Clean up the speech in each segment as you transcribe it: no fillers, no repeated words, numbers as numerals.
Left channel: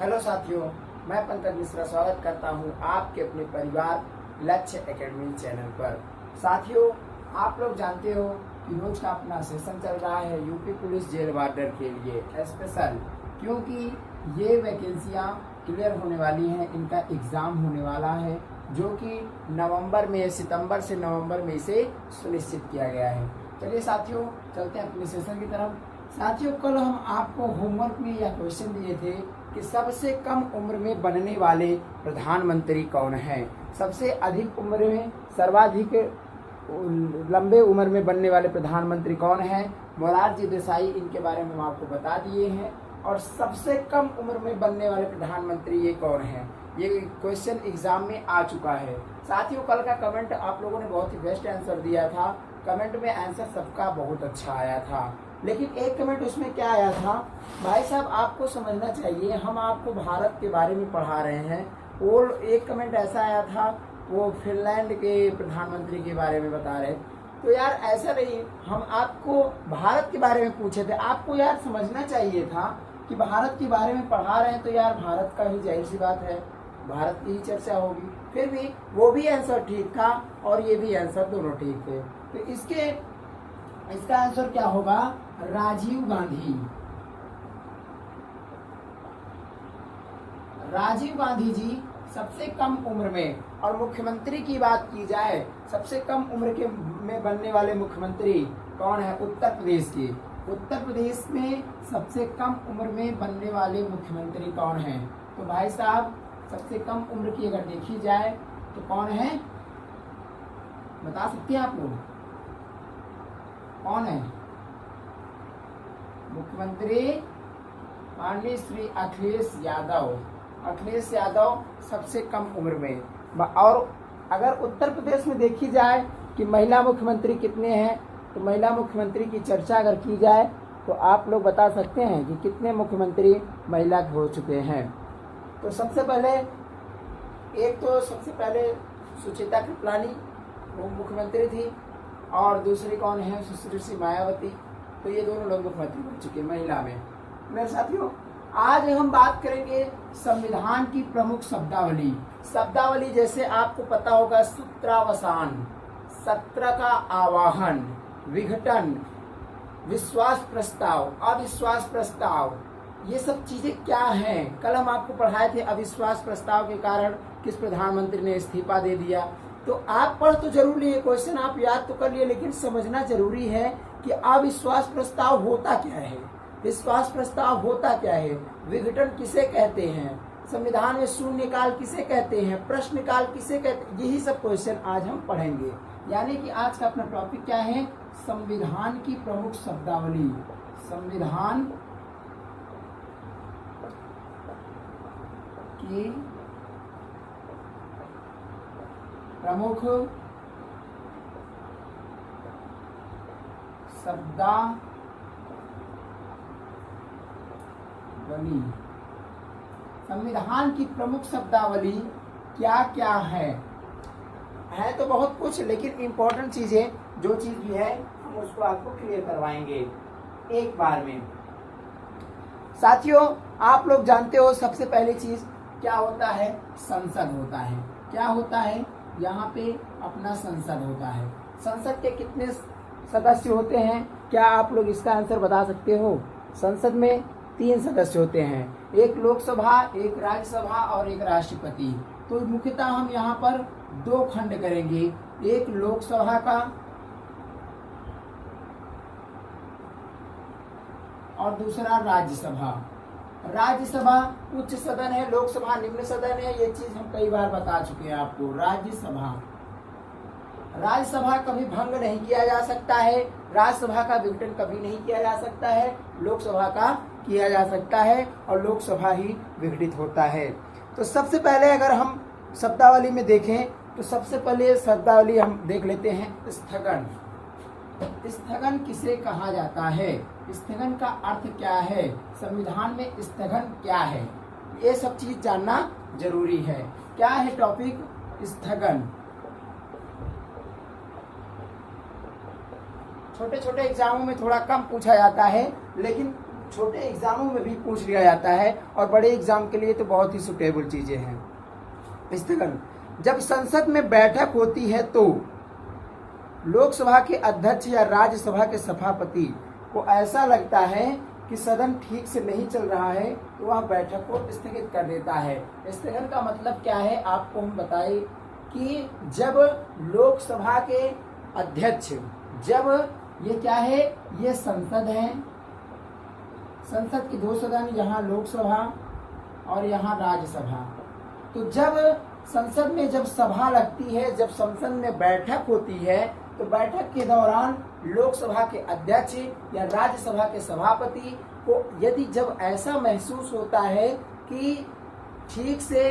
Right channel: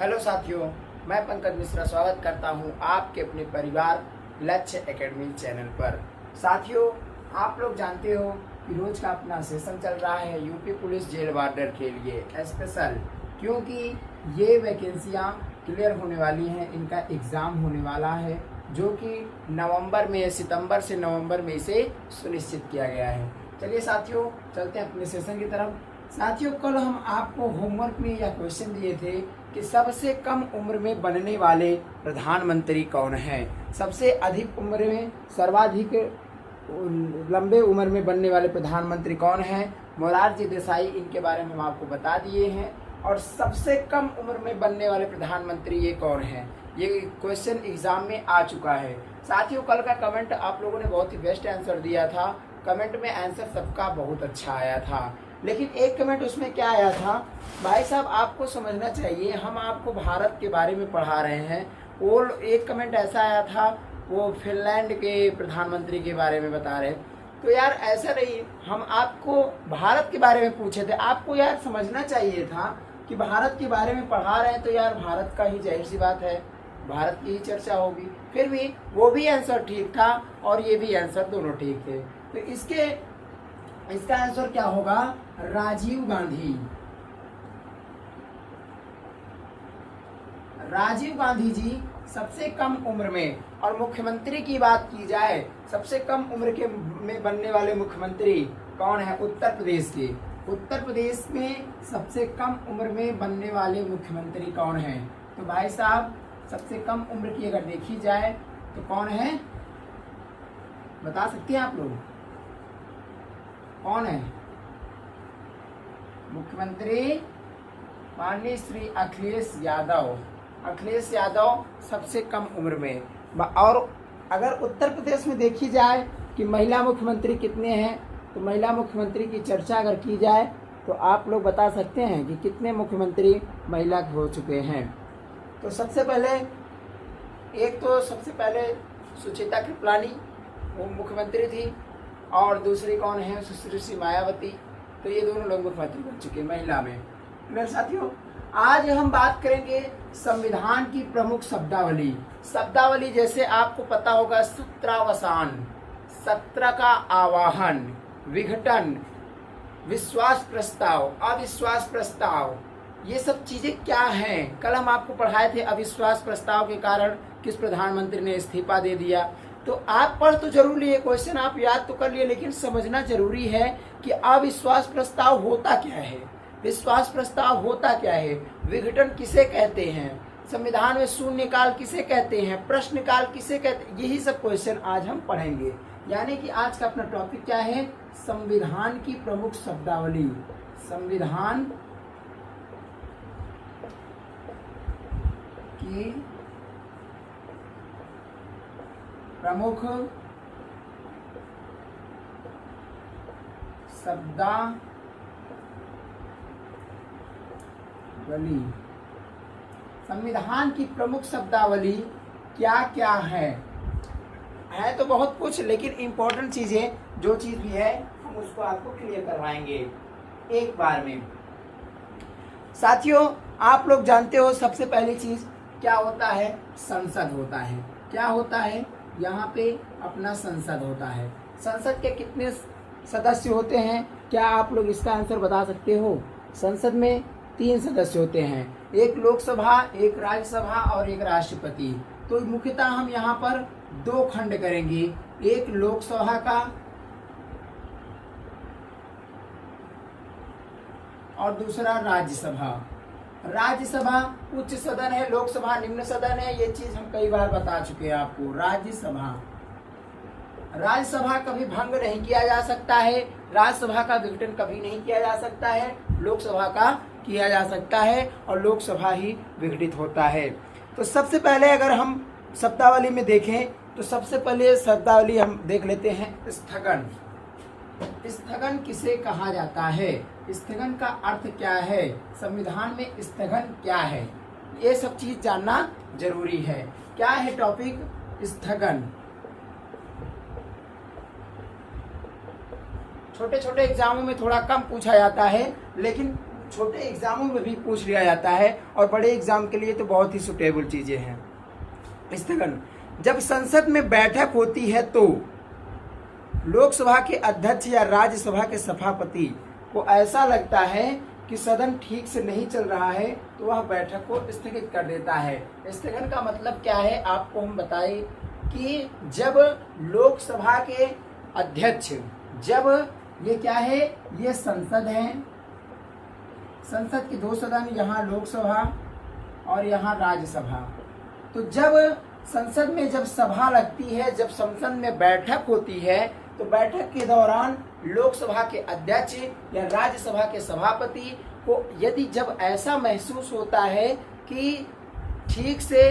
Hello साथियों, मैं पंकज मिश्रा स्वागत करता हूं आपके अपने परिवार लक्ष्य एकेडमी चैनल पर। साथियों, आप लोग जानते हो कि रोज का अपना सेशन चल रहा है यूपी पुलिस जेल वार्डर के लिए स्पेशल, क्योंकि ये वैकेंसियां क्लियर होने वाली हैं। इनका एग्जाम होने वाला है जो कि सितंबर से नवंबर में इसे सुनिश्चित किया गया है। चलिए साथियों, चलते हैं अपने सेशन की तरफ। साथियों, कल हम आपको होमवर्क में यह क्वेश्चन दिए थे कि सबसे कम उम्र में बनने वाले प्रधानमंत्री कौन है। सबसे अधिक उम्र में, सर्वाधिक लंबे उम्र में बनने वाले प्रधानमंत्री कौन है। मोरारजी देसाई, इनके बारे में हम आपको बता दिए हैं। और सबसे कम उम्र में बनने वाले प्रधानमंत्री ये कौन है, ये क्वेश्चन एग्जाम में आ चुका है। साथियों, कल का कमेंट आप लोगों ने बहुत ही बेस्ट आंसर दिया था। कमेंट में आंसर सबका बहुत अच्छा आया था, लेकिन एक कमेंट उसमें क्या आया था, भाई साहब आपको समझना चाहिए, हम आपको भारत के बारे में पढ़ा रहे हैं। वो एक कमेंट ऐसा आया था, वो फिनलैंड के प्रधानमंत्री के बारे में बता रहे। तो यार ऐसा नहीं, हम आपको भारत के बारे में पूछे थे। आपको यार समझना चाहिए था कि भारत के बारे में पढ़ा रहे हैं तो यार भारत का ही जाहिर सी बात है, भारत की ही चर्चा होगी। फिर भी वो भी आंसर ठीक था और ये भी आंसर, दोनों ठीक थे। तो इसका आंसर क्या होगा, राजीव गांधी। राजीव गांधी जी सबसे कम उम्र में। और मुख्यमंत्री की बात की जाए, सबसे कम उम्र के में बनने वाले मुख्यमंत्री कौन है, उत्तर प्रदेश के। उत्तर प्रदेश में सबसे कम उम्र में बनने वाले मुख्यमंत्री कौन है। तो भाई साहब, सबसे कम उम्र की अगर देखी जाए तो कौन है, बता सकते हैं आप लोग कौन है। मुख्यमंत्री माननीय श्री अखिलेश यादव। अखिलेश यादव सबसे कम उम्र में। और अगर उत्तर प्रदेश में देखी जाए कि महिला मुख्यमंत्री कितने हैं, तो महिला मुख्यमंत्री की चर्चा अगर की जाए तो आप लोग बता सकते हैं कि कितने मुख्यमंत्री महिला हो चुके हैं। तो सबसे पहले सुचिता कृपलानी, वो मुख्यमंत्री थी। और दूसरी कौन है, सुश्री मायावती। तो ये दोनों लोग मुख्यमंत्री बन चुके महिला में। मेरे साथियों, आज हम बात करेंगे संविधान की प्रमुख शब्दावली। जैसे आपको पता होगा, सत्रावसान, सत्र का आवाहन, विघटन, विश्वास प्रस्ताव, अविश्वास प्रस्ताव, ये सब चीजें क्या हैं। कल हम आपको पढ़ाए थे अविश्वास प्रस्ताव के कारण किस प्रधानमंत्री ने इस्तीफा दे दिया। तो आप पढ़ तो जरूर लिए, क्वेश्चन आप याद तो कर लिए, लेकिन समझना जरूरी है कि अविश्वास प्रस्ताव होता क्या है, विश्वास प्रस्ताव होता क्या है, विघटन किसे कहते हैं, संविधान में शून्यकाल किसे कहते हैं, प्रश्नकाल किसे कहते हैं। यही सब क्वेश्चन आज हम पढ़ेंगे। यानी कि आज का अपना टॉपिक क्या है, संविधान की प्रमुख शब्दावली। संविधान की प्रमुख शब्दावली। संविधान की प्रमुख शब्दावली क्या क्या है तो बहुत कुछ, लेकिन इंपॉर्टेंट चीजें, जो चीज भी है हम उसको आपको क्लियर करवाएंगे एक बार में। साथियों, आप लोग जानते हो सबसे पहली चीज क्या होता है, संसद होता है। क्या होता है, यहाँ पे अपना संसद होता है। संसद के कितने सदस्य होते हैं, क्या आप लोग इसका आंसर बता सकते हो। संसद में 3 सदस्य होते हैं, एक लोकसभा, एक राज्यसभा और एक राष्ट्रपति। तो मुख्यतः हम यहाँ पर 2 खंड करेंगे, एक लोकसभा का और दूसरा राज्यसभा। राज्यसभा उच्च सदन है, लोकसभा निम्न सदन है। ये चीज हम कई बार बता चुके हैं आपको। राज्यसभा कभी भंग नहीं किया जा सकता है, राज्यसभा का विघटन कभी नहीं किया जा सकता है, लोकसभा का किया जा सकता है और लोकसभा ही विघटित होता है। तो सबसे पहले अगर हम शब्दावली में देखें तो सबसे पहले शब्दावली हम देख लेते हैं, स्थगन। स्थगन किसे कहा जाता है, स्थगन का अर्थ क्या है, संविधान में स्थगन क्या है, ये सब चीज जानना जरूरी है। क्या है टॉपिक, स्थगन। छोटे छोटे एग्जामों में थोड़ा कम पूछा जाता है, लेकिन छोटे एग्जामों में भी पूछ लिया जाता है और बड़े एग्जाम के लिए तो बहुत ही सुटेबल चीजें हैं। स्थगन, जब संसद में बैठक होती है तो लोकसभा के अध्यक्ष या राज्यसभा के सभापति को ऐसा लगता है कि सदन ठीक से नहीं चल रहा है तो वह बैठक को स्थगित कर देता है। स्थगन का मतलब क्या है आपको हम बताएं कि जब लोकसभा के अध्यक्ष, जब ये क्या है, ये संसद है, संसद के दो सदन, यहाँ लोकसभा और यहाँ राज्यसभा। तो जब संसद में जब सभा लगती है, जब संसद में बैठक होती है तो बैठक के दौरान लोकसभा के अध्यक्ष या राज्यसभा के सभापति को यदि जब ऐसा महसूस होता है कि ठीक से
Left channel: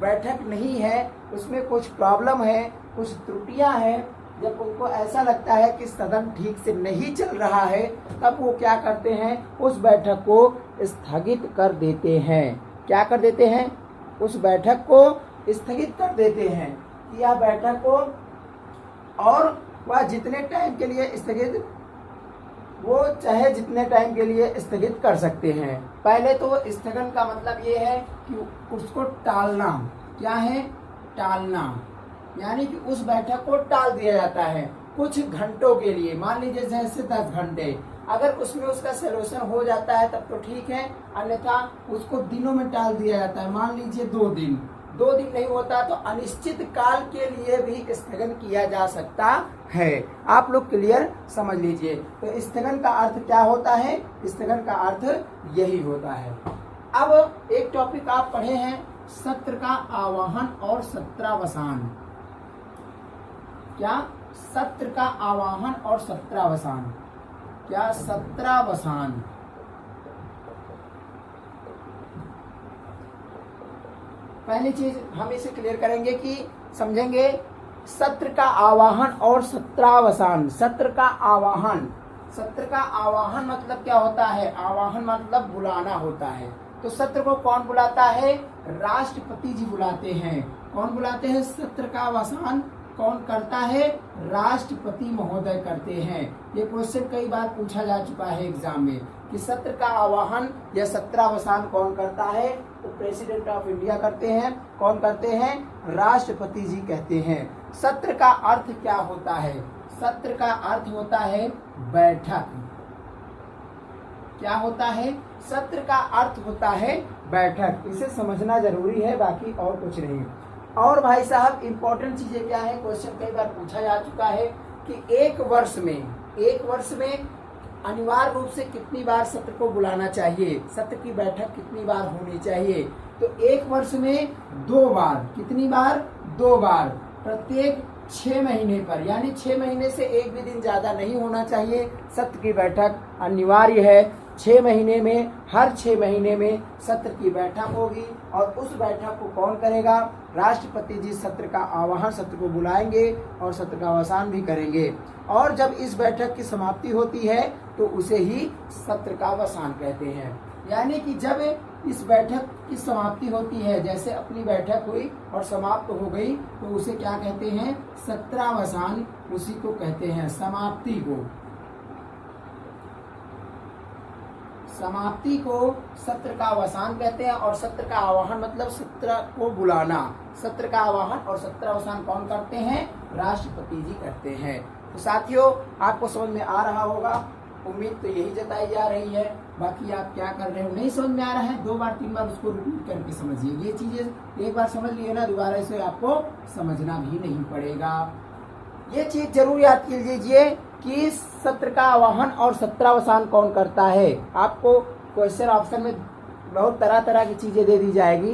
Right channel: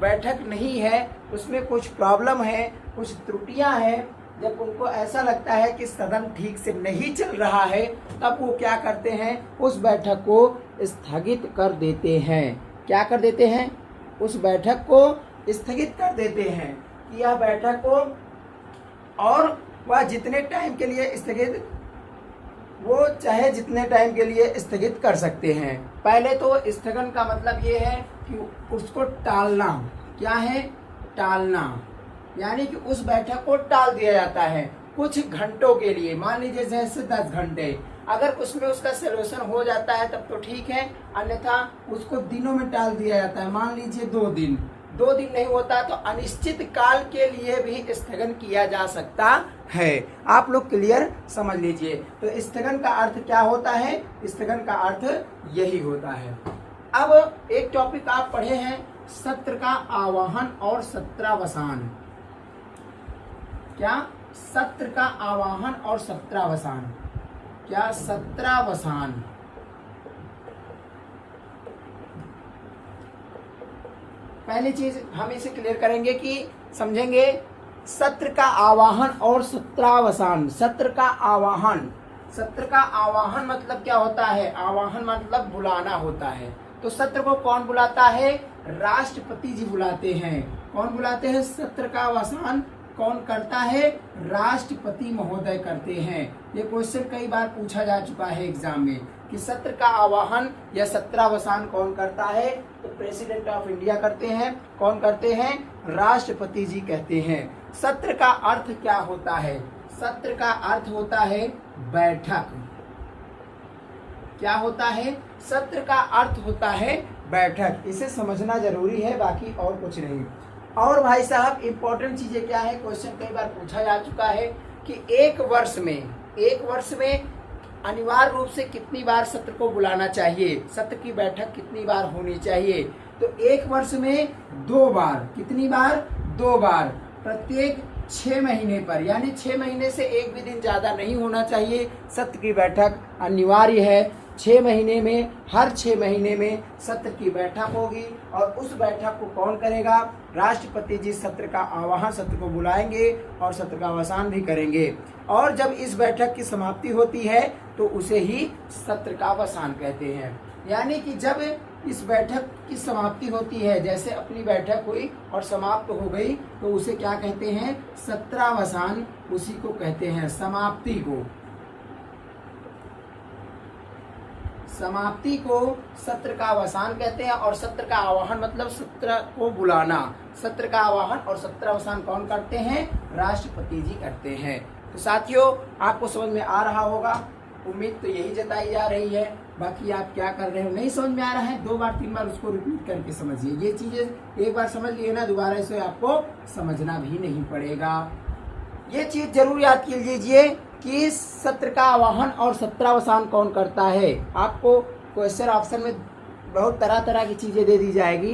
बैठक नहीं है, उसमें कुछ प्रॉब्लम है, कुछ त्रुटियां हैं, जब उनको ऐसा लगता है कि सदन ठीक से नहीं चल रहा है, तब वो क्या करते हैं, उस बैठक को स्थगित कर देते हैं। क्या कर देते हैं? उस बैठक को स्थगित कर देते हैं कि यह बैठक को, और वह जितने टाइम के लिए स्थगित, वो चाहे जितने टाइम के लिए स्थगित कर सकते हैं। पहले तो स्थगन का मतलब ये है कि उसको टालना। क्या है? टालना, यानी कि उस बैठक को टाल दिया जाता है कुछ घंटों के लिए। मान लीजिए जैसे 10 घंटे, अगर उसमें उसका सलूशन हो जाता है तब तो ठीक है, अन्यथा उसको दिनों में टाल दिया जाता है। मान लीजिए 2 दिन, 2 दिन नहीं होता तो अनिश्चित काल के लिए भी स्थगन किया जा सकता है। आप लोग क्लियर समझ लीजिए। तो स्थगन का अर्थ क्या होता है? स्थगन का अर्थ यही होता है। अब एक टॉपिक आप पढ़े हैं, सत्र का आह्वान और सत्रावसान। क्या? सत्र का आह्वान और सत्रावसान। क्या? सत्रावसान। पहली चीज हम इसे क्लियर करेंगे कि समझेंगे सत्र का आह्वान और सत्रावसान। सत्र का आह्वान, सत्र का आह्वान मतलब क्या होता है? आह्वान मतलब बुलाना होता है। तो सत्र को कौन बुलाता है? राष्ट्रपति जी बुलाते हैं। कौन बुलाते हैं? सत्र का आह्वान कौन करता है? राष्ट्रपति महोदय करते हैं। ये क्वेश्चन कई बार पूछा जा चुका है एग्जाम में कि सत्र का आह्वान या सत्रावसान कौन करता है? तो प्रेसिडेंट ऑफ इंडिया करते हैं। कौन करते हैं? राष्ट्रपति जी कहते हैं। सत्र का अर्थ क्या होता है? सत्र का अर्थ होता है बैठक। क्या होता है? सत्र का अर्थ होता है बैठक। इसे समझना जरूरी है, बाकी और कुछ नहीं। और भाई साहब इम्पोर्टेंट चीजें क्या है, क्वेश्चन कई बार पूछा जा चुका है कि एक वर्ष में अनिवार्य रूप से कितनी बार सत्र को बुलाना चाहिए, सत्र की बैठक कितनी बार होनी चाहिए? तो एक वर्ष में 2 बार। कितनी बार? 2 बार, प्रत्येक 6 महीने पर, यानी 6 महीने से एक भी दिन ज्यादा नहीं होना चाहिए। सत्र की बैठक अनिवार्य है। 6 महीने में, हर 6 महीने में सत्र की बैठक होगी और उस बैठक को कौन करेगा? राष्ट्रपति जी सत्र का आह्वान, सत्र को बुलाएंगे और सत्र का अवसान भी करेंगे। और जब इस बैठक की समाप्ति होती है तो उसे ही सत्र का अवसान कहते हैं। यानी कि जब इस बैठक की समाप्ति होती है, जैसे अपनी बैठक हुई और समाप्त हो गई, तो उसे क्या कहते हैं? सत्रावसान, उसी को कहते हैं, समाप्ति को। समाप्ति को सत्र का अवसान कहते हैं। और सत्र का आह्वान मतलब सत्र को बुलाना। सत्र का आह्वान और सत्रावसान कौन करते हैं? राष्ट्रपति जी करते हैं। तो साथियों आपको समझ में आ रहा होगा, उम्मीद तो यही जताई जा रही है। बाकी आप क्या कर रहे हो, नहीं समझ में आ रहा है, 2 बार 3 बार उसको रिपीट करके समझिए। ये चीजें एक बार समझ लिए ना, दोबारा इसे आपको समझना भी नहीं पड़ेगा। ये चीज जरूर याद कर लीजिए कि सत्र का आह्वान और सत्रावसान कौन करता है। आपको क्वेश्चन ऑप्शन में बहुत तरह तरह की चीजें दे दी जाएगी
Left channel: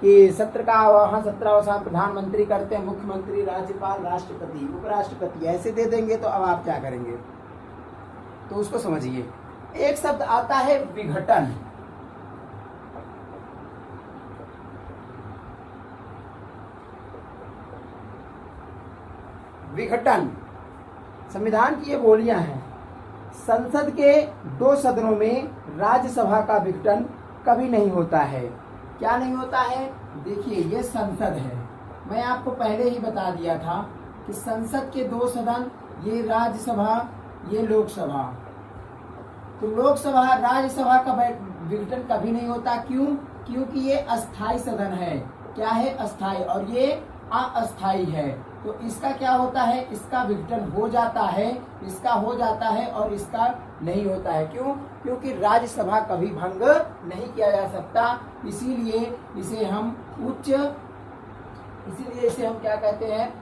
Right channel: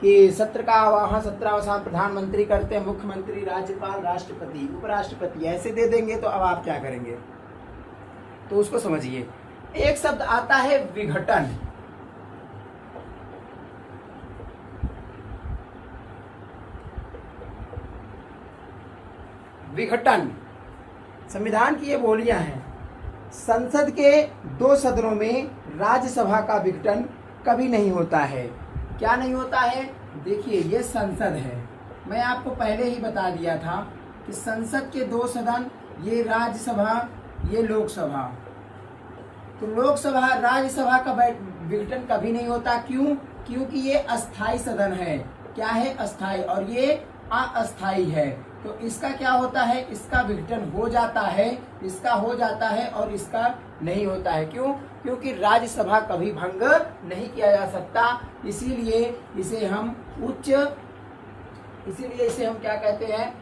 कि सत्र का आह्वान सत्रावसान प्रधानमंत्री करते हैं, मुख्यमंत्री, राज्यपाल, राष्ट्रपति, उपराष्ट्रपति, ऐसे दे देंगे। तो अब आप क्या करेंगे, तो उसको समझिए। एक शब्द आता है विघटन। विघटन संविधान की ये बोलियां हैं। संसद के 2 सदनों में राज्यसभा का विघटन कभी नहीं होता है। क्या नहीं होता है? देखिए ये संसद है, मैं आपको पहले ही बता दिया था कि संसद के 2 सदन, ये राज्यसभा, ये लोकसभा। तो लोकसभा राज्यसभा का विघटन कभी नहीं होता। क्यों? क्योंकि ये अस्थाई सदन है। क्या है? अस्थाई, और ये अस्थाई है। तो इसका क्या होता है? इसका विघटन हो जाता है, इसका हो जाता है और इसका नहीं होता है। क्यों? क्योंकि राज्यसभा कभी भंग नहीं किया जा सकता। इसीलिए इसे हम क्या कहते हैं?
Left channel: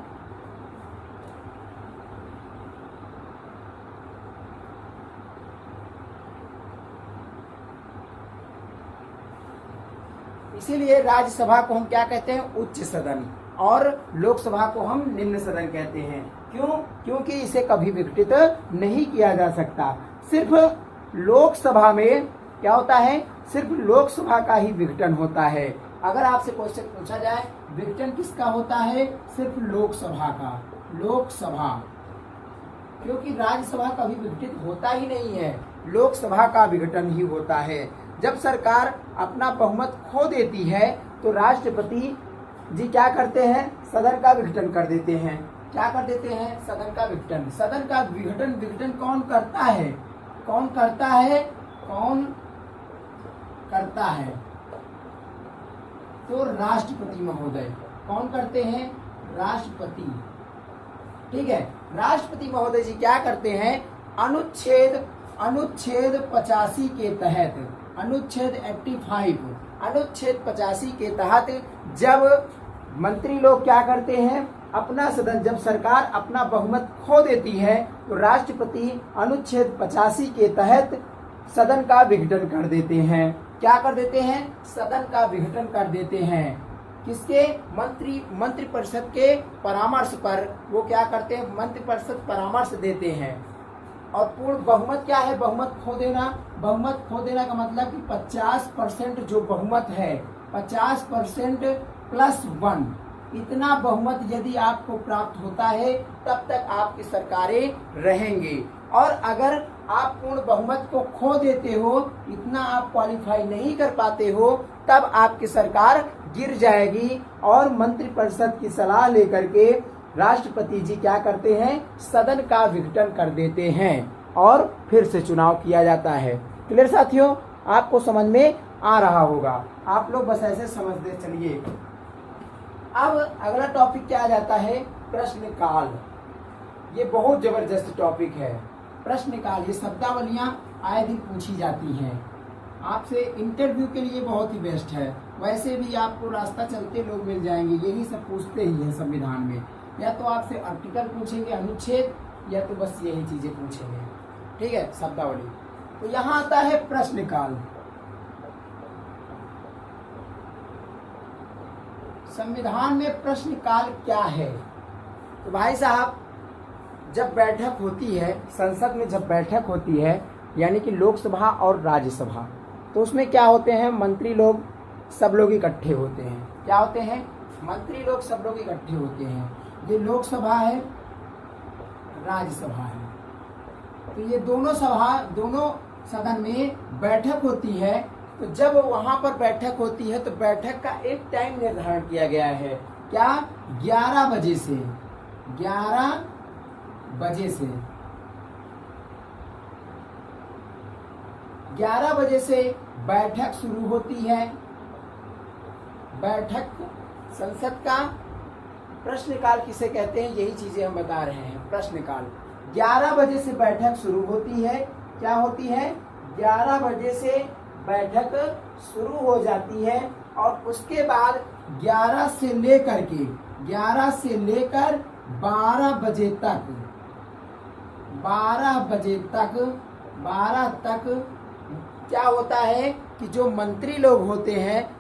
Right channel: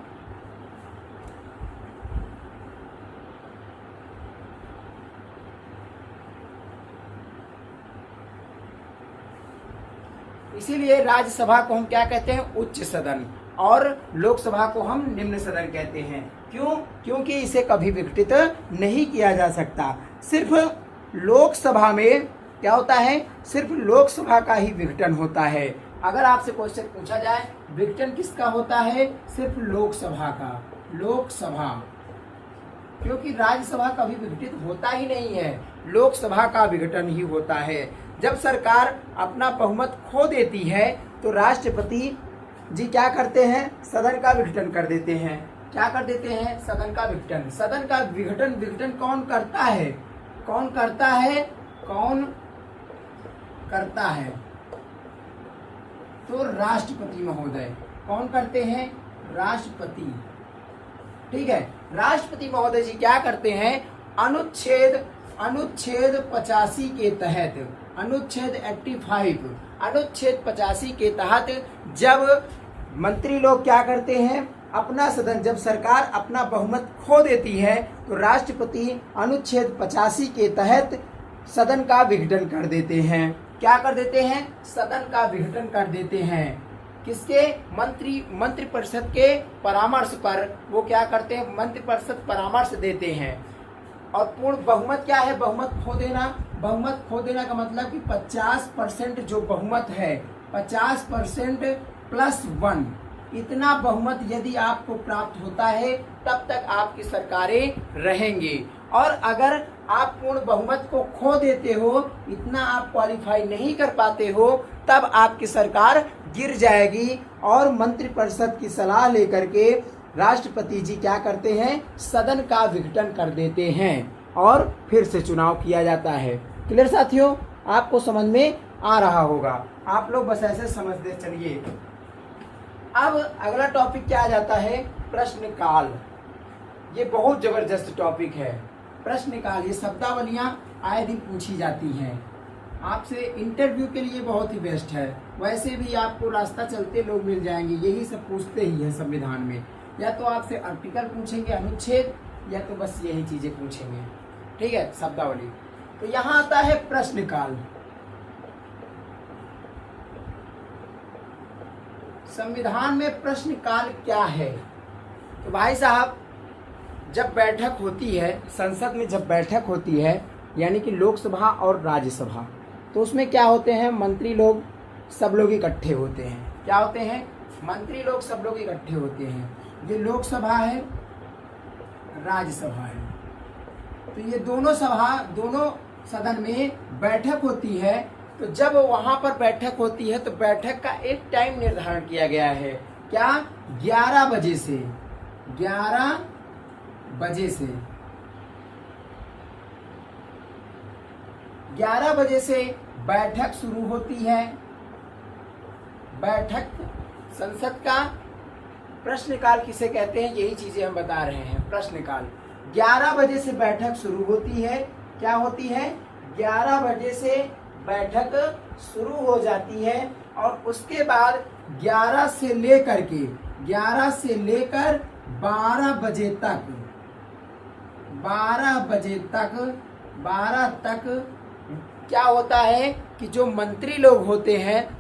इसीलिए राज्यसभा को हम क्या कहते हैं? उच्च सदन, और लोकसभा को हम निम्न सदन कहते हैं। क्यों? क्योंकि इसे कभी विघटित नहीं किया जा सकता। सिर्फ लोकसभा में क्या होता है? सिर्फ लोकसभा का ही विघटन होता है। अगर आपसे क्वेश्चन पूछा जाए विघटन किसका होता है? सिर्फ लोकसभा का, लोकसभा, क्योंकि राज्यसभा कभी विघटित होता ही नहीं है, लोकसभा का विघटन ही होता है। जब सरकार अपना बहुमत खो देती है तो राष्ट्रपति जी क्या करते हैं? सदन का विघटन कर देते हैं। क्या कर देते हैं? सदन का विघटन। सदन का विघटन कौन करता है? कौन करता है? कौन करता है? तो राष्ट्रपति महोदय। कौन करते हैं? राष्ट्रपति। ठीक है, राष्ट्रपति महोदय जी क्या करते हैं? अनुच्छेद 85 के तहत, अनुच्छेद 85, अनुच्छेद 85 के तहत जब मंत्री लोग क्या करते हैं? अपना सदन, जब सरकार अपना बहुमत खो देती है तो राष्ट्रपति अनुच्छेद 85 के तहत सदन का विघटन कर देते हैं। क्या कर देते हैं? सदन का विघटन कर देते हैं। किसके? मंत्रिपरिषद के परामर्श पर वो क्या करते हैं? मंत्रिपरिषद परामर्श देते हैं। और पूर्ण बहुमत क्या है? बहुमत खो देना। बहुमत खो देना का मतलब कि 50% जो बहुमत है, 50% प्लस 1, इतना बहुमत यदि आपको प्राप्त होता है तब तक आपकी सरकारें रहेंगी। और अगर आप पूर्ण बहुमत को खो देते हो, इतना आप क्वालिफाई नहीं कर पाते हो, तब आपकी सरकार गिर जाएगी। और मंत्रिपरिषद की सलाह लेकर के राष्ट्रपति जी क्या करते हैं? सदन का विघटन कर देते हैं और फिर से चुनाव किया जाता है। क्लियर साथियों? आपको समझ में आ रहा होगा, आप लोग बस ऐसे समझते चलिए। अब अगला टॉपिक क्या आ जाता है? प्रश्नकाल। ये बहुत जबरदस्त टॉपिक है प्रश्नकाल। ये शब्दावलियां आए दिन पूछी जाती हैं आपसे, इंटरव्यू के लिए बहुत ही बेस्ट है। वैसे भी आपको रास्ता चलते लोग मिल जाएंगे, यही सब पूछते ही है संविधान में। या तो आपसे आर्टिकल पूछेंगे, अनुच्छेद, या तो बस यही चीजें पूछेंगे। ठीक है, शब्दावली। तो यहाँ आता है प्रश्नकाल। संविधान में प्रश्नकाल क्या है? तो भाई साहब, जब बैठक होती है संसद में, जब बैठक होती है यानी कि लोकसभा और राज्यसभा, तो उसमें क्या होते हैं? मंत्री लोग सब लोग इकट्ठे होते हैं। क्या होते हैं? मंत्री लोग सब लोग इकट्ठे होते हैं। ये लोकसभा है, राज्यसभा है। तो ये दोनों सदन में बैठक होती है। तो जब वहां पर बैठक होती है तो बैठक का एक टाइम निर्धारण किया गया है। क्या? 11 बजे से 11 बजे से बैठक शुरू होती है। बैठक संसद का प्रश्नकाल किसे कहते हैं? यही चीजें हम बता रहे हैं। प्रश्नकाल 11 बजे से बैठक शुरू होती है। क्या होती है? 11 बजे से बैठक शुरू हो जाती है और उसके बाद 11 से लेकर 12 बजे तक 12 तक क्या होता है कि जो मंत्री लोग होते हैं,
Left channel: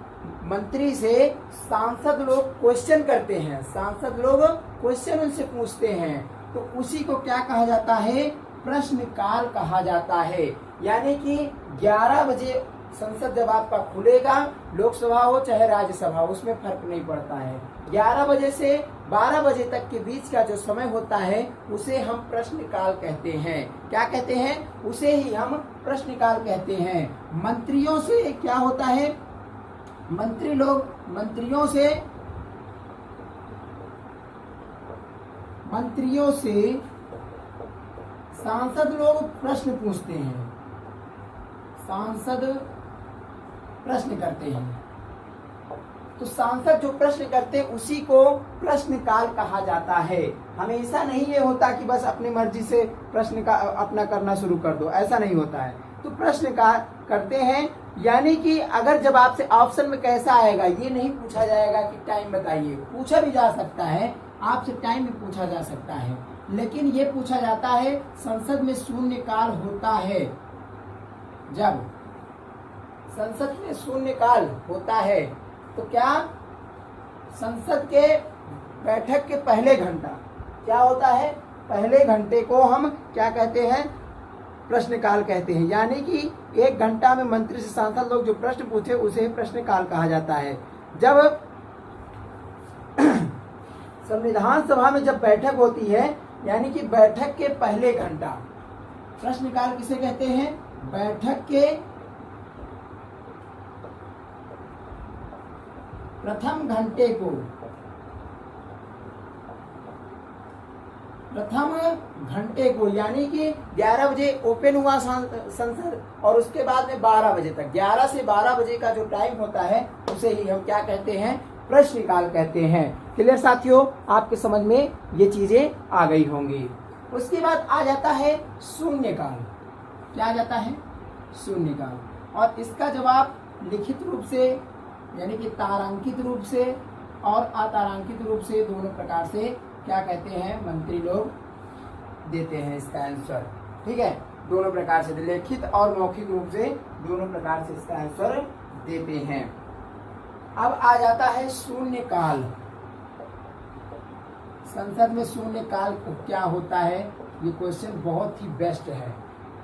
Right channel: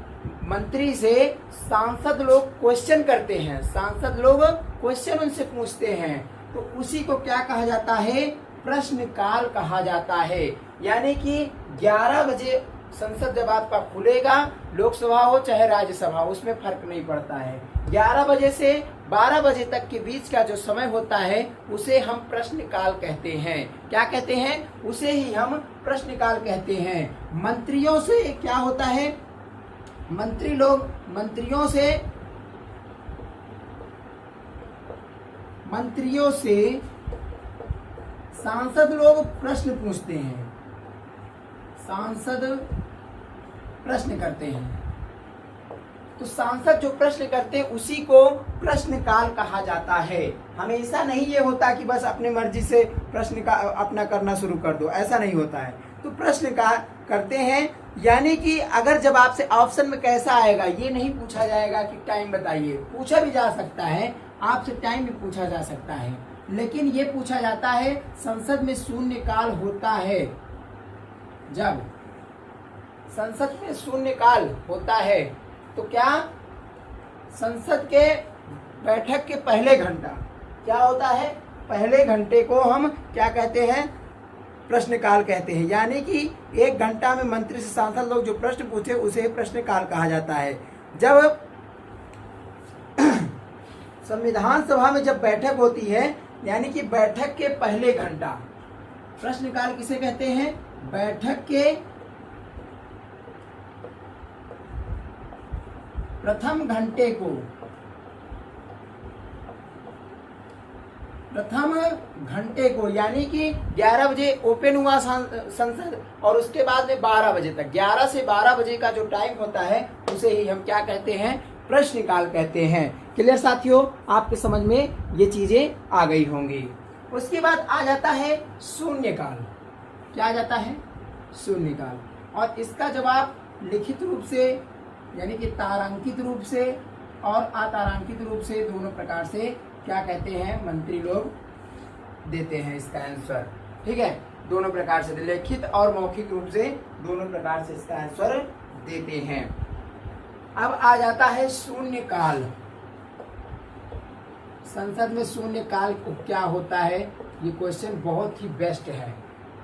मंत्री से सांसद लोग क्वेश्चन करते हैं, सांसद लोग क्वेश्चन उनसे पूछते हैं। तो उसी को क्या कहा जाता है? प्रश्नकाल कहा जाता है। यानी कि 11 बजे संसद जब आपका खुलेगा, लोकसभा हो चाहे राज्यसभा, उसमें फर्क नहीं पड़ता है। 11 बजे से 12 बजे तक के बीच का जो समय होता है उसे हम प्रश्नकाल कहते हैं। क्या कहते हैं? उसे ही हम प्रश्नकाल कहते हैं। मंत्रियों से क्या होता है? मंत्रियों से सांसद लोग प्रश्न पूछते हैं। सांसद प्रश्न करते हैं। तो सांसद जो प्रश्न करते हैं उसी को प्रश्नकाल कहा जाता है। हमेशा नहीं ये होता कि बस अपनी मर्जी से प्रश्न का अपना करना शुरू कर दो, ऐसा नहीं होता है। तो प्रश्न का करते हैं, यानी कि अगर जब आपसे ऑप्शन में कैसा आएगा, ये नहीं पूछा जाएगा कि टाइम बताइए, पूछा भी जा सकता है, आपसे टाइम भी पूछा जा सकता है, लेकिन ये पूछा जाता है संसद में शून्यकाल होता है। जब संसद में शून्यकाल होता है तो क्या संसद के बैठक के पहले घंटा क्या होता है, पहले घंटे को हम क्या कहते हैं, प्रश्नकाल कहते हैं। यानी कि 1 घंटा में मंत्री से सांसद लोग जो प्रश्न पूछे उसे प्रश्नकाल कहा जाता है। जब संविधान सभा में जब बैठक होती है, यानी कि बैठक के पहले घंटा, प्रश्नकाल किसे कहते हैं, बैठक के प्रथम घंटे को, यानी कि 11 बजे ओपन हुआ संसद और उसके बाद में 12 बजे तक, 11 से 12 बजे का जो टाइम होता है उसे ही हम क्या कहते हैं, प्रश्नकाल कहते हैं। क्लियर साथियों, आपके समझ में ये चीजें आ गई होंगी। उसके बाद आ जाता है शून्यकाल। क्या आ जाता है, शून्यकाल। और इसका जवाब लिखित रूप से, यानी कि तारांकित रूप से और अतारांकित रूप से, दोनों प्रकार से क्या कहते हैं, मंत्री लोग देते हैं इसका आंसर। ठीक है, दोनों प्रकार से, लिखित और मौखिक रूप से दोनों प्रकार से इसका आंसर देते हैं। अब आ जाता है शून्यकाल। संसद में शून्यकाल क्या होता है, ये क्वेश्चन बहुत ही बेस्ट है,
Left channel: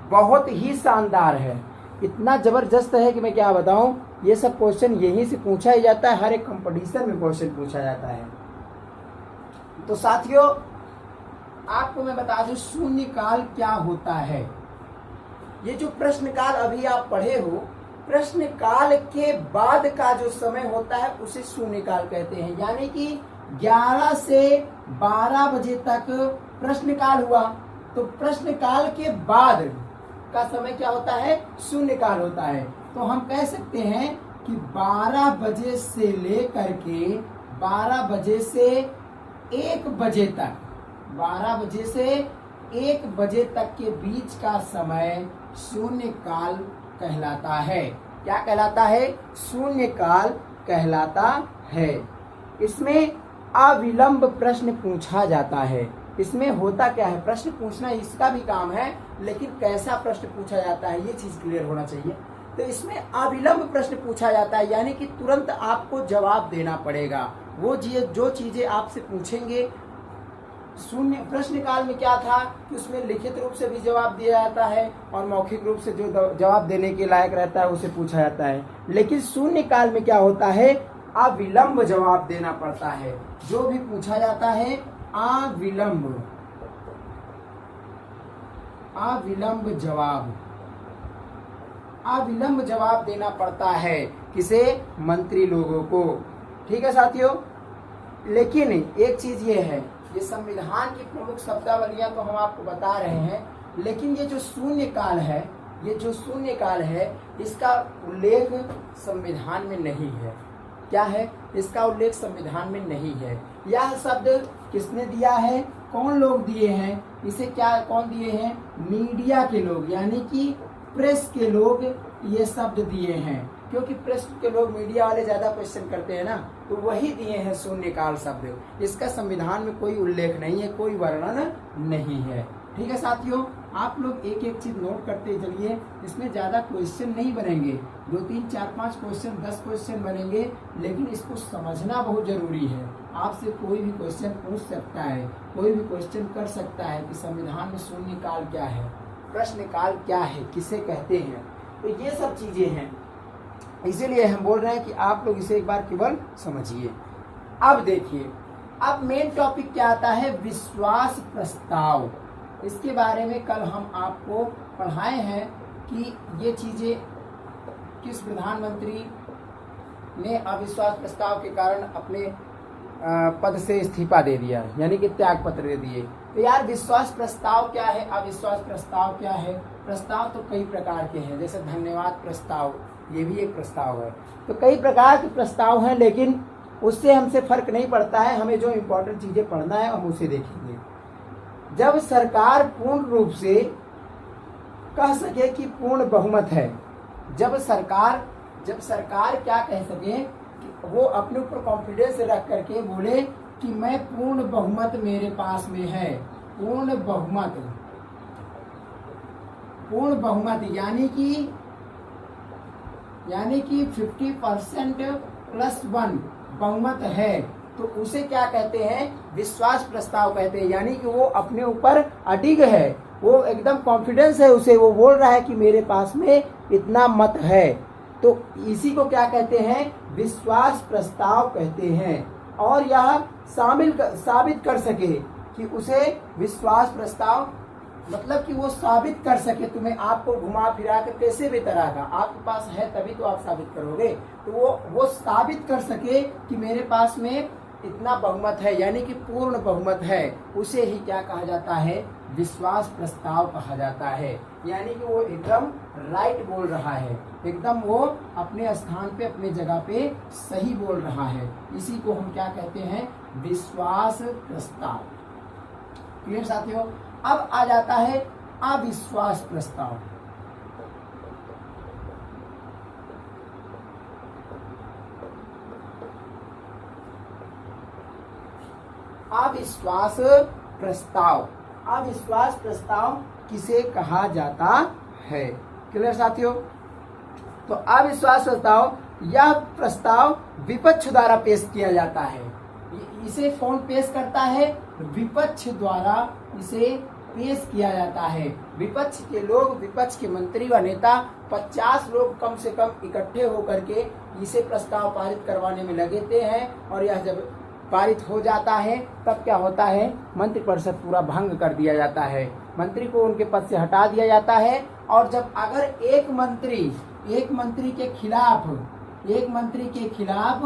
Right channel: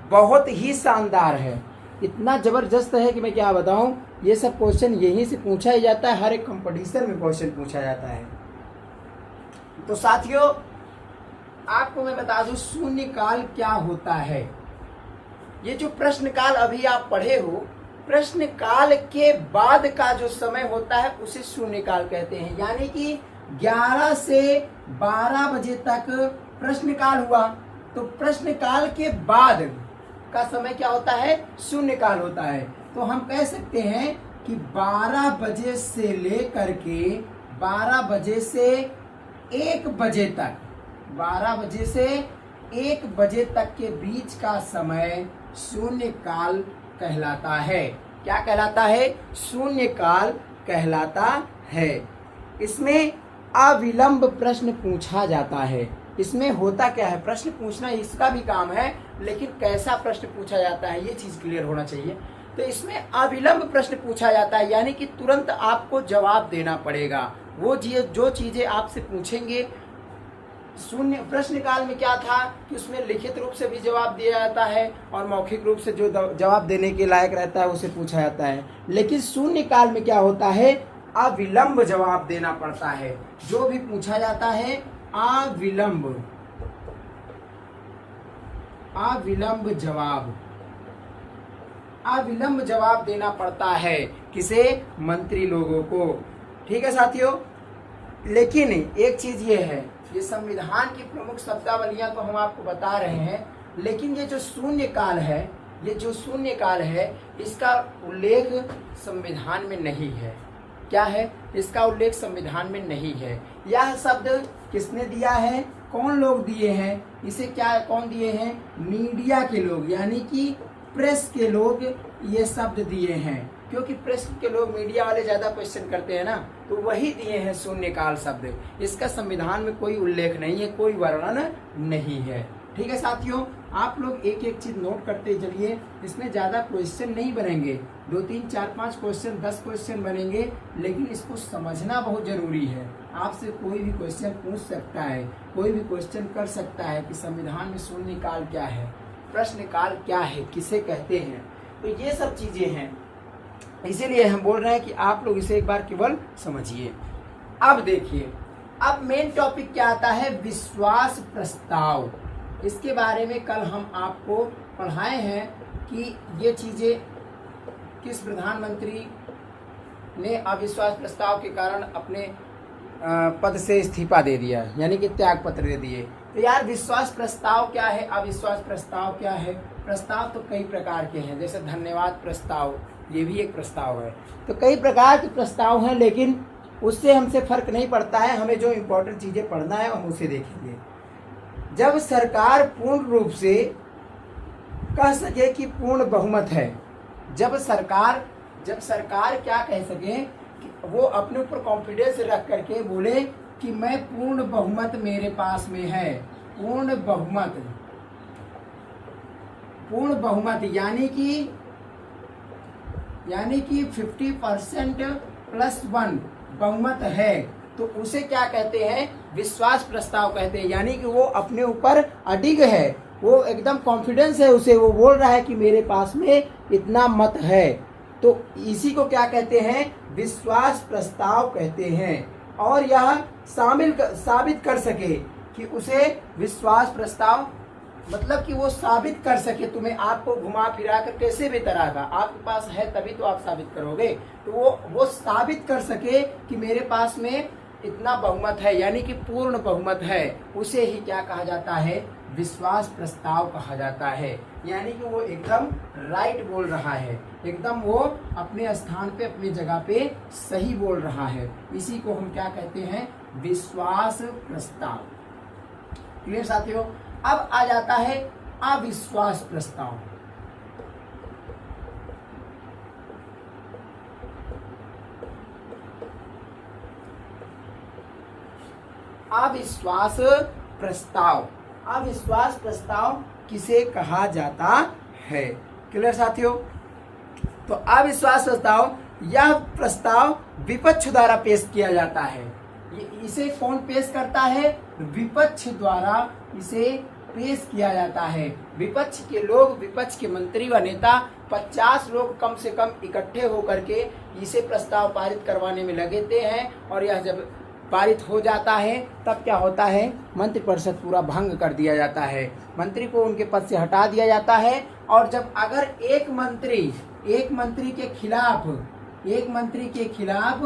बहुत ही शानदार है, इतना जबरदस्त है कि मैं क्या बताऊं। ये सब क्वेश्चन यहीं से पूछा ही जाता है, हर एक कंपटीशन में क्वेश्चन पूछा जाता है। तो साथियों, आपको मैं बता दूं शून्यकाल क्या होता है। ये जो प्रश्नकाल अभी आप पढ़े हो, प्रश्नकाल के बाद का जो समय होता है उसे शून्यकाल कहते हैं। यानी कि 11 से 12 बजे तक प्रश्नकाल हुआ, तो प्रश्नकाल के बाद का समय क्या होता है, शून्यकाल होता है। तो हम कह सकते हैं कि 12 बजे से लेकर के 12 बजे से 1 बजे तक, 12 बजे से 1 बजे तक के बीच का समय शून्यकाल कहलाता है। क्या कहलाता है, शून्यकाल कहलाता है। इसमें अविलंब प्रश्न पूछा जाता है। इसमें होता क्या है, प्रश्न पूछना इसका भी काम है, लेकिन कैसा प्रश्न पूछा जाता है ये चीज क्लियर होना चाहिए। तो इसमें अविलंब प्रश्न पूछा जाता है, यानी कि तुरंत आपको जवाब देना पड़ेगा। वो जो चीजें आपसे पूछेंगे, शून्य प्रश्नकाल में क्या था कि उसमें लिखित रूप से भी जवाब दिया जाता है और मौखिक रूप से जो जवाब देने के लायक रहता है उसे पूछा जाता है। लेकिन शून्यकाल में क्या होता है, अविलंब जवाब देना पड़ता है। जो भी पूछा जाता है अविलंब जवाब देना पड़ता है। किसे, मंत्री लोगों को। ठीक है साथियों, लेकिन एक चीज ये है, ये संविधान की प्रमुख शब्दावलियां तो हम आपको बता रहे हैं, लेकिन ये जो शून्यकाल है, इसका उल्लेख संविधान में नहीं है। क्या है, इसका उल्लेख संविधान में नहीं है। यह शब्द किसने दिया है, कौन लोग दिए हैं इसे, क्या कौन दिए हैं, मीडिया के लोग, यानी कि प्रेस के लोग ये शब्द दिए हैं। क्योंकि प्रेस के लोग, मीडिया वाले ज्यादा क्वेश्चन करते हैं ना, तो वही दिए हैं शून्यकाल शब्द। इसका संविधान में कोई उल्लेख नहीं है, कोई वर्णन नहीं है। ठीक है साथियों, आप लोग एक एक चीज नोट करते चलिए। इसमें ज्यादा क्वेश्चन नहीं बनेंगे, 2, 3, 4, 5 क्वेश्चन, 10 क्वेश्चन बनेंगे, लेकिन इसको समझना बहुत जरूरी है। आपसे कोई भी क्वेश्चन पूछ सकता है, कोई भी क्वेश्चन कर सकता है कि संविधान में शून्यकाल क्या है, प्रश्नकाल क्या है, किसे कहते हैं। तो ये सब चीजें हैं, इसीलिए हम बोल रहे हैं कि आप लोग इसे एक बार केवल समझिए। अब देखिए, अब मेन टॉपिक क्या आता है, विश्वास प्रस्ताव। इसके बारे में कल हम आपको पढ़ाए हैं कि ये चीजें किस प्रधानमंत्री ने अविश्वास प्रस्ताव के कारण अपने पद से इस्तीफा दे दिया, यानी कि त्याग पत्र दे दिए। तो यार विश्वास प्रस्ताव क्या है, अविश्वास प्रस्ताव क्या है, प्रस्ताव तो कई प्रकार के हैं, जैसे धन्यवाद प्रस्ताव, ये भी एक प्रस्ताव है। तो कई प्रकार के प्रस्ताव हैं, लेकिन उससे हमसे फर्क नहीं पड़ता है। हमें जो इम्पोर्टेंट चीजें पढ़ना है हम उसे देखेंगे। जब सरकार पूर्ण रूप से कह सके कि पूर्ण बहुमत है, जब सरकार क्या कह सके कि वो अपने ऊपर कॉन्फिडेंस रख करके बोले कि मैं पूर्ण बहुमत मेरे पास में है, पूर्ण बहुमत यानी कि 50% प्लस 1 बहुमत है, तो उसे क्या कहते हैं? विश्वास प्रस्ताव कहते हैं। यानी कि वो अपने ऊपर अडिग है, वो एकदम कॉन्फिडेंस है उसे, वो बोल रहा है कि मेरे पास में इतना मत है, तो इसी को क्या कहते हैं? विश्वास प्रस्ताव कहते हैं। और यह साबित कर सके कि उसे विश्वास प्रस्ताव मतलब कि वो साबित कर सके, तुम्हें आपको घुमा फिरा कर कैसे भी तरह का आपके पास है तभी तो आप साबित करोगे, तो वो साबित कर सके कि मेरे पास में इतना बहुमत है, यानी कि पूर्ण बहुमत है, उसे ही क्या कहा जाता है? विश्वास प्रस्ताव कहा जाता है। यानी कि वो एकदम राइट बोल रहा है, एकदम वो अपने स्थान पे अपने जगह पे सही बोल रहा है, इसी को हम क्या कहते हैं? विश्वास प्रस्ताव। क्लियर साथियों? अब आ जाता है अविश्वास प्रस्ताव। अविश्वास प्रस्ताव किसे कहा जाता है? क्लियर साथियों? तो अविश्वास प्रस्ताव, यह प्रस्ताव विपक्ष द्वारा पेश किया जाता है। इसे कौन पेश करता है? विपक्ष द्वारा इसे पेश किया जाता है। विपक्ष के लोग, विपक्ष के मंत्री व नेता 50 लोग कम से कम इकट्ठे होकर के इसे प्रस्ताव पारित करवाने में लगते हैं, और यह जब पारित हो जाता है तब क्या होता है? मंत्रिपरिषद पूरा भंग कर दिया जाता है, मंत्री को उनके पद से हटा दिया जाता है। और जब अगर एक मंत्री के खिलाफ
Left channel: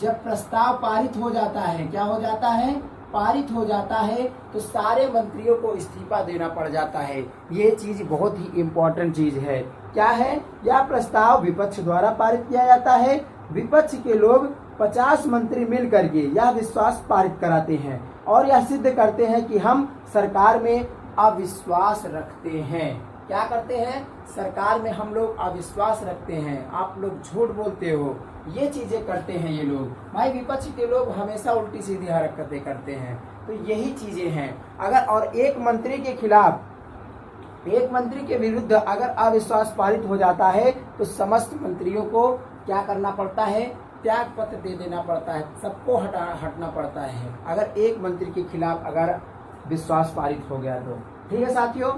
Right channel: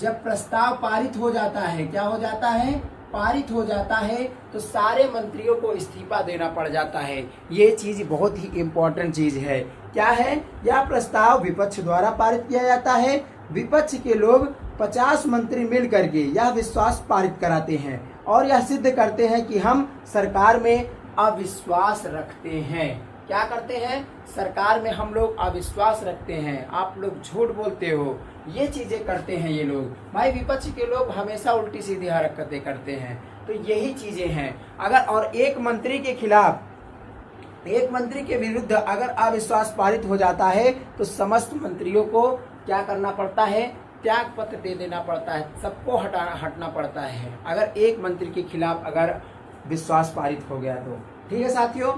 जब प्रस्ताव पारित हो जाता है, क्या हो जाता है? पारित हो जाता है, तो सारे मंत्रियों को इस्तीफा देना पड़ जाता है। ये चीज बहुत ही इम्पोर्टेंट चीज है। क्या है? यह प्रस्ताव विपक्ष द्वारा पारित किया जाता है। विपक्ष के लोग 50 मंत्री मिल करके यह विश्वास पारित कराते हैं, और यह सिद्ध करते हैं कि हम सरकार में अविश्वास रखते हैं। क्या करते हैं? सरकार में हम लोग अविश्वास रखते हैं, आप लोग झूठ बोलते हो, ये चीजें करते हैं ये लोग। भाई विपक्ष के लोग हमेशा उल्टी सीधी हरकतें करते हैं, तो यही चीजें हैं। अगर और एक मंत्री के खिलाफ, एक मंत्री के विरुद्ध अगर अविश्वास पारित हो जाता है, तो समस्त मंत्रियों को क्या करना पड़ता है? त्याग पत्र दे देना पड़ता है, सबको हटना पड़ता है, अगर एक मंत्री के खिलाफ अगर विश्वास पारित हो गया तो। ठीक है साथियों?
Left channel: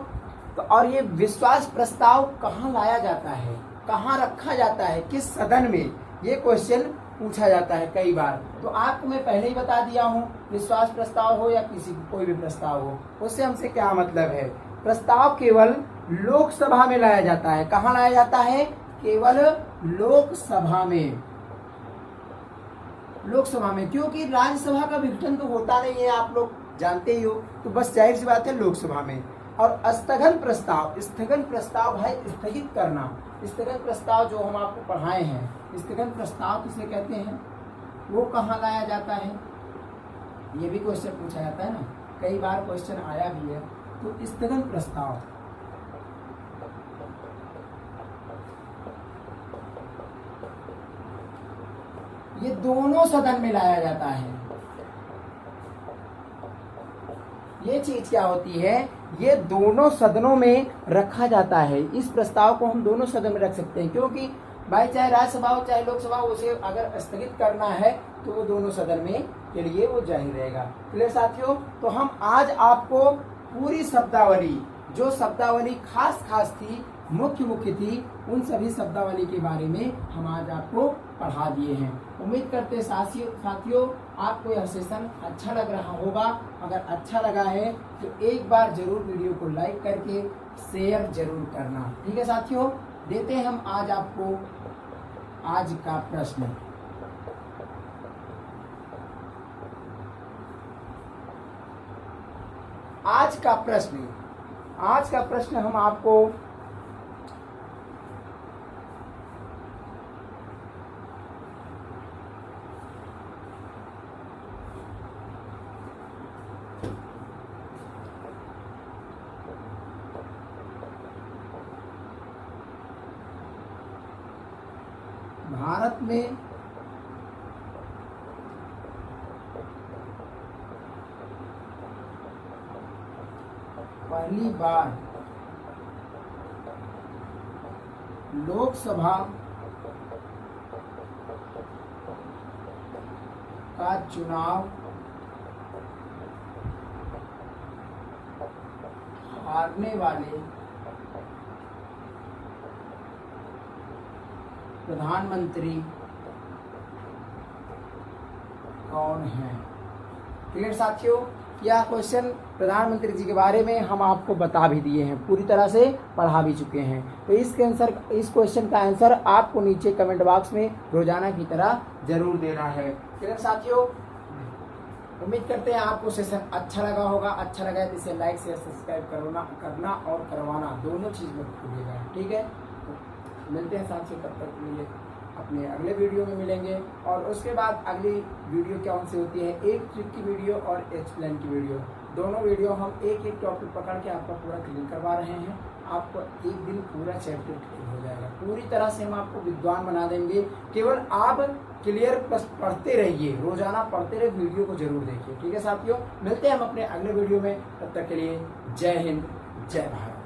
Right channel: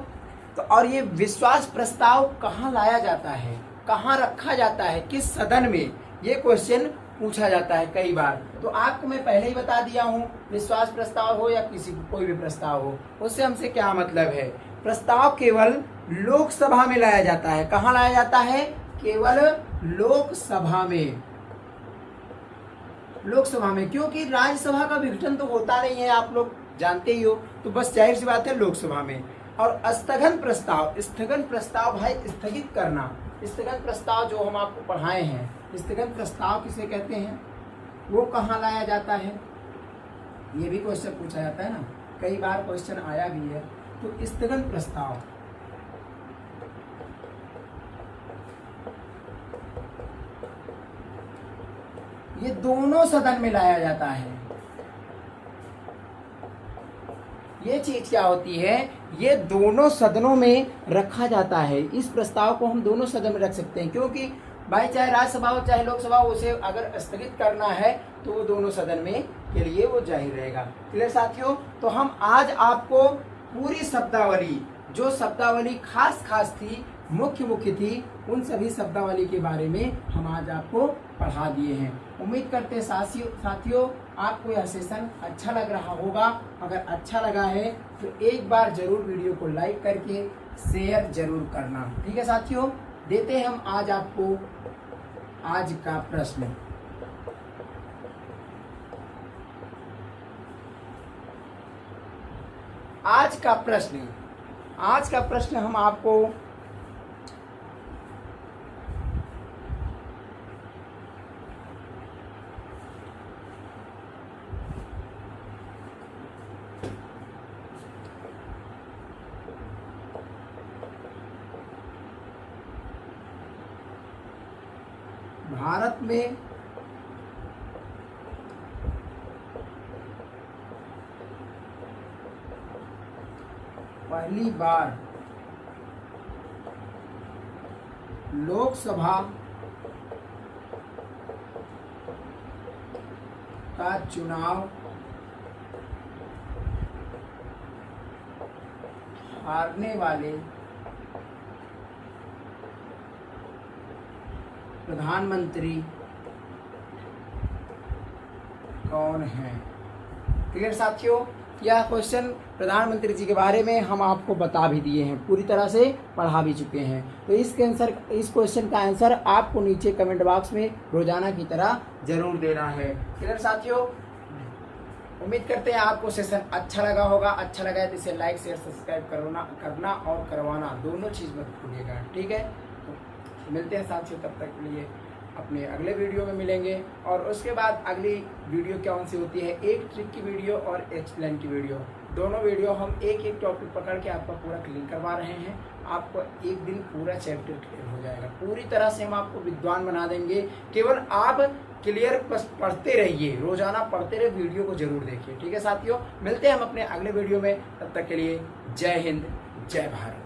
तो और ये विश्वास प्रस्ताव कहाँ लाया जाता है, कहाँ रखा जाता है, किस सदन में, ये क्वेश्चन पूछा जाता है कई बार। तो आपको मैं पहले ही बता दिया हूँ, विश्वास प्रस्ताव हो या कोई भी प्रस्ताव हो, उससे हमसे क्या मतलब है? प्रस्ताव केवल लोकसभा में लाया जाता है। कहाँ लाया जाता है? केवल लोकसभा में, क्योंकि राज्यसभा का विघटन तो होता नहीं है, आप लोग जानते ही हो, तो बस जाहिर सी बात है लोकसभा में। और स्थगन प्रस्ताव भाई स्थगित करना, स्थगन प्रस्ताव जो हम आपको पढ़ाए हैं, स्थगन प्रस्ताव किसे कहते हैं? वो कहाँ लाया जाता है? ये भी क्वेश्चन पूछा जाता है ना, कई बार क्वेश्चन आया भी है। तो स्थगन प्रस्ताव ये दोनों सदन में लाया जाता है। ये चीज क्या होती है? ये दोनों सदनों में रखा जाता है। इस प्रस्ताव को हम दोनों सदन में रख सकते हैं, क्योंकि भाई चाहे राज्यसभा हो चाहे लोकसभा हो, उसे अगर स्थगित करना है तो वो दोनों सदन में के लिए वो जाहिर रहेगा। क्लियर साथियों? तो हम आज आपको पूरी शब्दावली, जो शब्दावली खास थी, मुख्य थी, उन सभी शब्दावली के बारे में हम आज आपको पढ़ा दिए हैं। उम्मीद करते साथियों आपको यह सेशन अच्छा लग रहा होगा। अगर अच्छा लगा है तो एक बार जरूर वीडियो को लाइक करके शेयर जरूर करना। ठीक है साथियों? देते हैं हम आज आपको आज का प्रश्न। आज का प्रश्न हम आपको भारत में पहली बार लोकसभा का चुनाव हारने वाले प्रधानमंत्री कौन है। क्लियर साथियों, यह क्वेश्चन प्रधानमंत्री जी के बारे में हम आपको बता भी दिए हैं, पूरी तरह से पढ़ा भी चुके हैं। तो इस क्वेश्चन का आंसर आपको नीचे कमेंट बॉक्स में रोजाना की तरह जरूर देना है। क्लियर साथियों, उम्मीद करते हैं आपको सेशन अच्छा लगा होगा। अच्छा लगा है तो इसे लाइक शेयर सब्सक्राइब करना और करवाना दोनों चीज मत भूलिएगा, ठीक है। तो मिलते हैं साथियों, तब तक के लिए अपने अगले वीडियो में मिलेंगे। और उसके बाद अगली वीडियो कौन सी होती है, एक ट्रिक की वीडियो और एक्सप्लेन की वीडियो, दोनों वीडियो हम एक एक टॉपिक पकड़ के आपका पूरा क्लियर करवा रहे हैं। आपको एक दिन पूरा चैप्टर क्लियर हो जाएगा, पूरी तरह से हम आपको विद्वान बना देंगे। केवल आप क्लियर बस पढ़ते रहिए, रोजाना पढ़ते रहिए, वीडियो को जरूर देखिए, ठीक है साथियों। मिलते हैं हम अपने अगले वीडियो में, तब तक के लिए जय हिंद, जय भारत।